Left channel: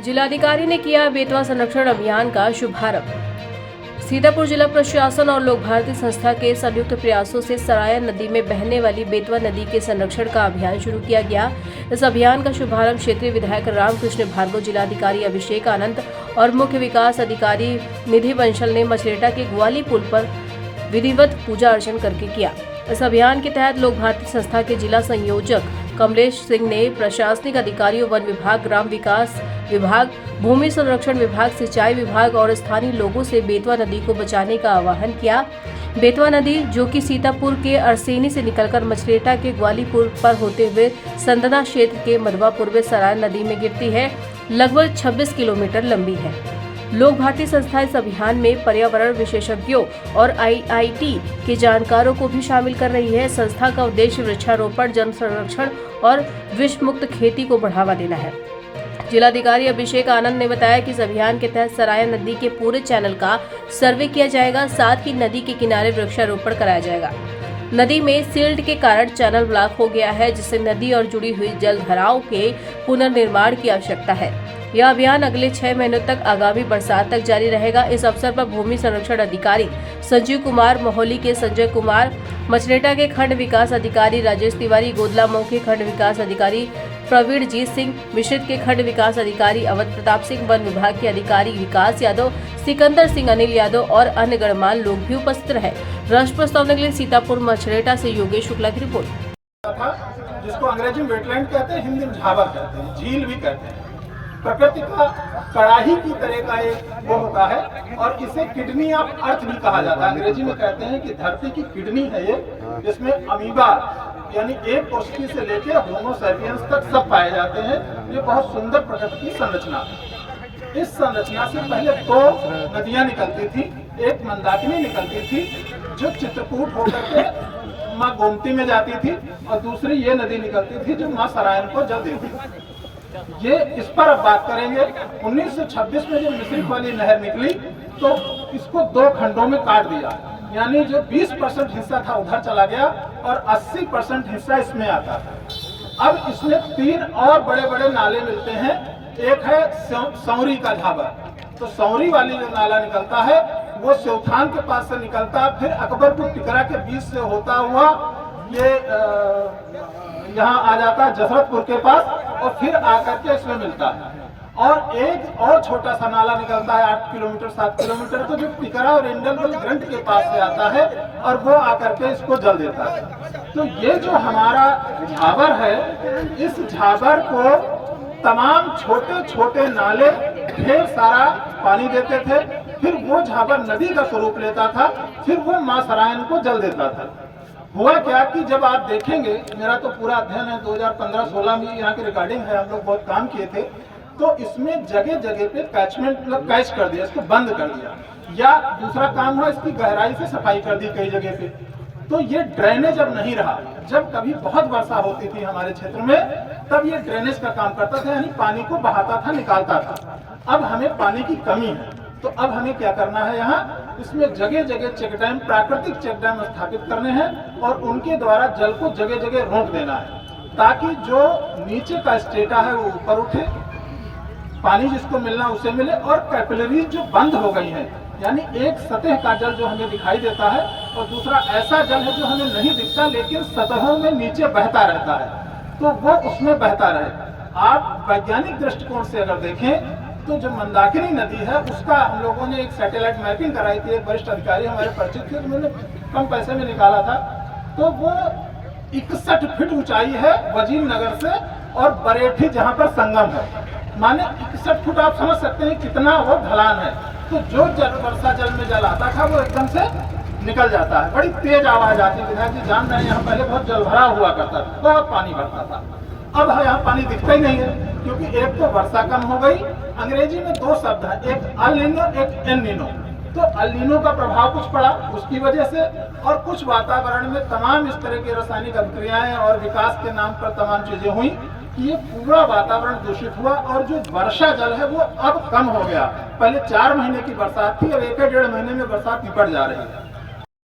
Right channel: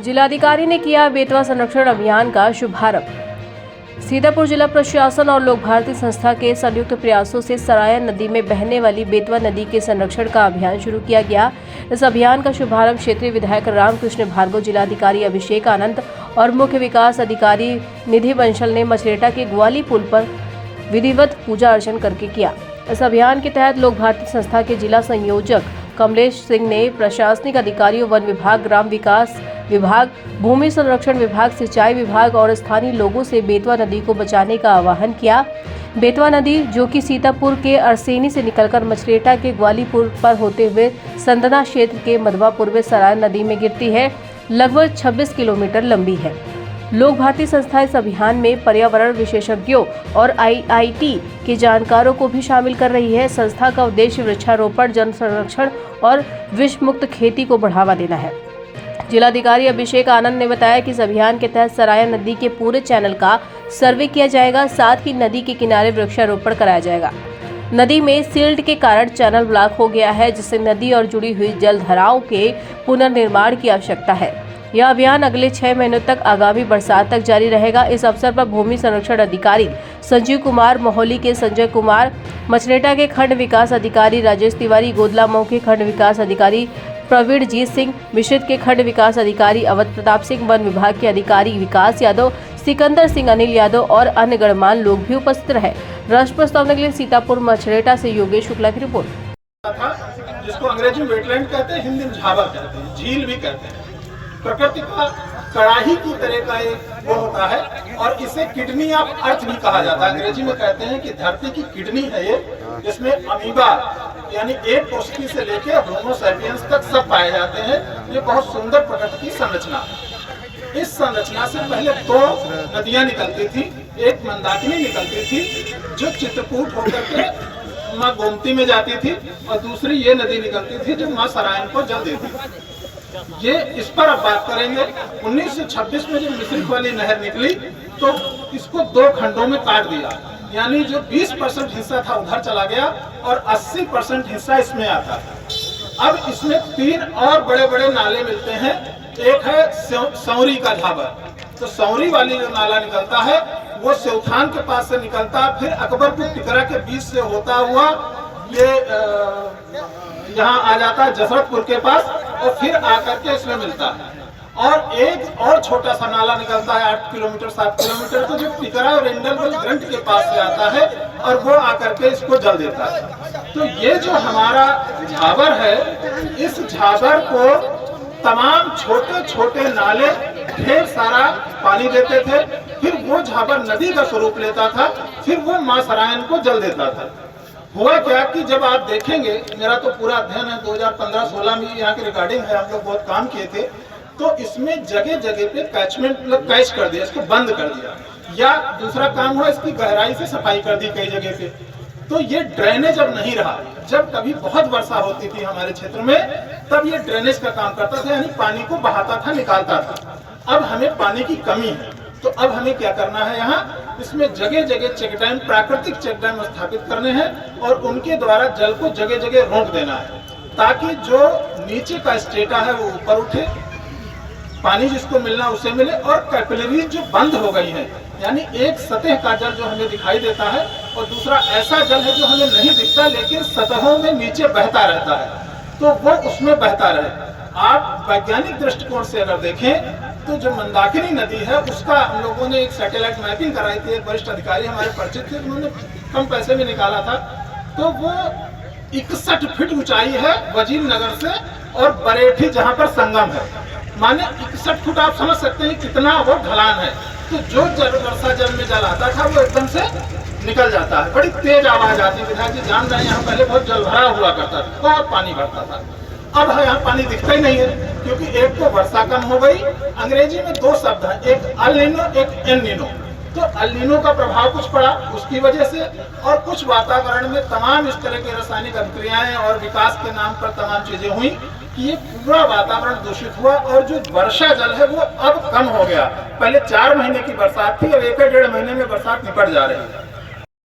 जिलाधिकारी ने किया बेतवा संरक्षण अभियान का शुभारंभ। सीतापुर जिला प्रशासन और लोक भारती संस्था के संयुक्त प्रयासों से सरायन नदी में बहने वाली बेतवा नदी के संरक्षण का अभियान शुरू किया गया। इस अभियान का शुभारंभ क्षेत्रीय विधायक रामकृष्ण भार्गव, जिलाधिकारी अभिषेक आनंद और मुख्य विकास अधिकारी निधि बंसल ने मछरेटा के ग्वाली पुल पर विधिवत पूजा अर्चन करके किया। इस अभियान के तहत लोक भारती संस्था के जिला संयोजक कमलेश सिंह ने प्रशासनिक अधिकारियों, वन विभाग, ग्राम विकास विभाग, भूमि संरक्षण विभाग, सिंचाई विभाग और स्थानीय लोगों से बेतवा नदी को बचाने का आह्वान किया। बेतवा नदी, जो कि सीतापुर के अरसेनी से निकलकर मछरेटा के ग्वालीपुर पर होते हुए संदना क्षेत्र के मधवापुर में सरायन नदी में गिरती है, लगभग 26 किलोमीटर लंबी है। लोक भारती संस्था इस अभियान में पर्यावरण विशेषज्ञों और IIT के जानकारों को भी शामिल कर रही है। संस्था का उद्देश्य वृक्षारोपण, जल संरक्षण और विष मुक्त खेती को बढ़ावा देना है। जिलाधिकारी अभिषेक आनंद ने बताया कि इस अभियान के तहत सरायन नदी के पूरे चैनल का सर्वे किया जाएगा, साथ ही नदी के किनारे वृक्षारोपण कराया जाएगा। नदी में सिल्ट के कारण चैनल ब्लॉक हो गया है, जिससे नदी और जुड़ी हुई जलधाराओं के पुनर्निर्माण की आवश्यकता है। यह अभियान अगले 6 महीनों तक आगामी बरसात तक जारी रहेगा। इस अवसर पर भूमि संरक्षण अधिकारी संजीव कुमार, मोहली के संजय कुमार, मछरेटा के खंड विकास अधिकारी राजेश तिवारी, गोदलामऊ के खंड विकास अधिकारी प्रवीण जीत सिंह, मिश्रित के खंड विकास अधिकारी अवध प्रताप सिंह, वन विभाग के अधिकारी विकास यादव, सिकंदर सिंह, अनिल यादव और अन्य गणमान्य लोग भी उपस्थित रहे। राष्ट्र प्रस्तावना के लिए सीतापुर मछरेटा से योगेश शुक्ला की रिपोर्ट। जिसको अंग्रेजी में वेटलैंड कहते हैं, हिंदी में झावर कहते हैं, झील भी कहते हैं। प्रकृति का कड़ाही की तरह का एक वो होता है और इसे किडनी ऑफ अर्थ भी कहा जाता है। अंग्रेजी में कहते हैं कि धरती की किडनी है ये, जिसमें अमीबा यानी एक कोशिकी से लेकर होमो सैपियंस तक सब पाए जाते हैं। ये बहुत सुंदर प्रकृति की संरचना है। इस संरचना से पहले 2 नदियां निकलती थी। एक मंदाकिनी निकलती थी जो चित्रकूट होकर के माँ गोमती में जाती थी, और दूसरी ये नदी निकलती थी जो माँ सरायन को जल देती थी। ये इस पर अब बात करेंगे। 1926 में जब मिश्रिक वाली नहर निकली तो इसको 2 खंडों में काट दिया, यानी जो 20% हिस्सा था उधर चला गया और 80% हिस्सा इसमें आता है। अब इसमें 3 और बड़े बड़े नाले मिलते हैं। एक है सौरी का झाबर, तो सौरी वाली जो नाला निकलता है वो सेवथान के पास से निकलता है, फिर अकबरपुर टिकरा के बीच से होता हुआ ये यहाँ आ जाता है जसरतपुर के पास, और फिर आकर के इसमें मिलता है। और एक और छोटा सा नाला निकलता है 8 किलोमीटर 7 किलोमीटर, तो जो टिकरा और इंडल ग्रंथ के पास से आता है और वो आकर के इसको जल देता है। तो ये जो हमारा झाबर है, इस झाबर को तमाम छोटे छोटे नाले ढेर सारा पानी देते थे, फिर वो झाबर नदी का स्वरूप लेता था, फिर वो माँ सरायन को जल देता था। हुआ क्या कि जब आप देखेंगे, मेरा तो पूरा अध्ययन है 2015-16 में यहाँ की रिकॉर्डिंग है, हम लोग बहुत काम किए थे, तो इसमें जगह जगह पे कैचमेंट मतलब कैच कर दिया, इसको बंद कर दिया, या दूसरा काम हुआ इसकी गहराई से सफाई कर दी कई जगह पे। तो ये ड्रेनेज अब नहीं रहा। जब कभी बहुत वर्षा होती थी हमारे क्षेत्र में, तब ये ड्रेनेज का काम करता था, यानी पानी को बहाता था, निकालता था। अब हमें पानी की कमी है, तो अब हमें क्या करना है, यहाँ इसमें जगह जगह चेक डैम, प्राकृतिक चेक डैम स्थापित करने हैं और उनके द्वारा जल को जगह जगह रोक देना है, ताकि जो नीचे का स्टेटा है वो ऊपर उठे, पानी जिसको मिलना उसे मिले, और कैपिलरीज जो बंद हो गई हैं, यानी एक सतह का जल जो हमें दिखाई देता है और दूसरा ऐसा जल है जो हमें नहीं दिखता लेकिन सतहों में नीचे बहता रहता है, तो वो उसमें बहता रहे। आप वैज्ञानिक दृष्टिकोण से अगर देखें तो जो मंदाकिनी नदी है उसका हम लोगों ने एक सैटेलाइट मैपिंग कराई थी, एक वरिष्ठ अधिकारी हमारे परिचित थे, उन्होंने कम पैसे में निकाला था। तो वो 61 फीट ऊंचाई है वजीर नगर से और बरेठी जहां पर संगम है, माने 61 फुट। आप समझ सकते हैं कितना वो ढलान है। तो जो वर्षा जल में जल आता था वो एकदम से निकल जाता है, बड़ी तेज आवाज आती है। विधायक जी जान रहे हैं, यहाँ पहले बहुत जल भरा हुआ करता था, बहुत पानी भरता था। अब यहाँ पानी दिखता ही नहीं है, क्योंकि एक तो वर्षा कम हो गई। अंग्रेजी में 2 शब्द हैं, एक अल नीनो, एक एल नीनो। तो अल नीनो का प्रभाव कुछ पड़ा उसकी वजह से, और कुछ वातावरण में तमाम इस तरह की रासायनिक अभिक्रियाएं और विकास के नाम पर तमाम चीजें हुई कि ये पूरा वातावरण दूषित हुआ, और जो वर्षा जल है वो अब कम हो गया। पहले 4 महीने की बरसात थी, अब 1 डेढ़ महीने में बरसात निपट जा रही है।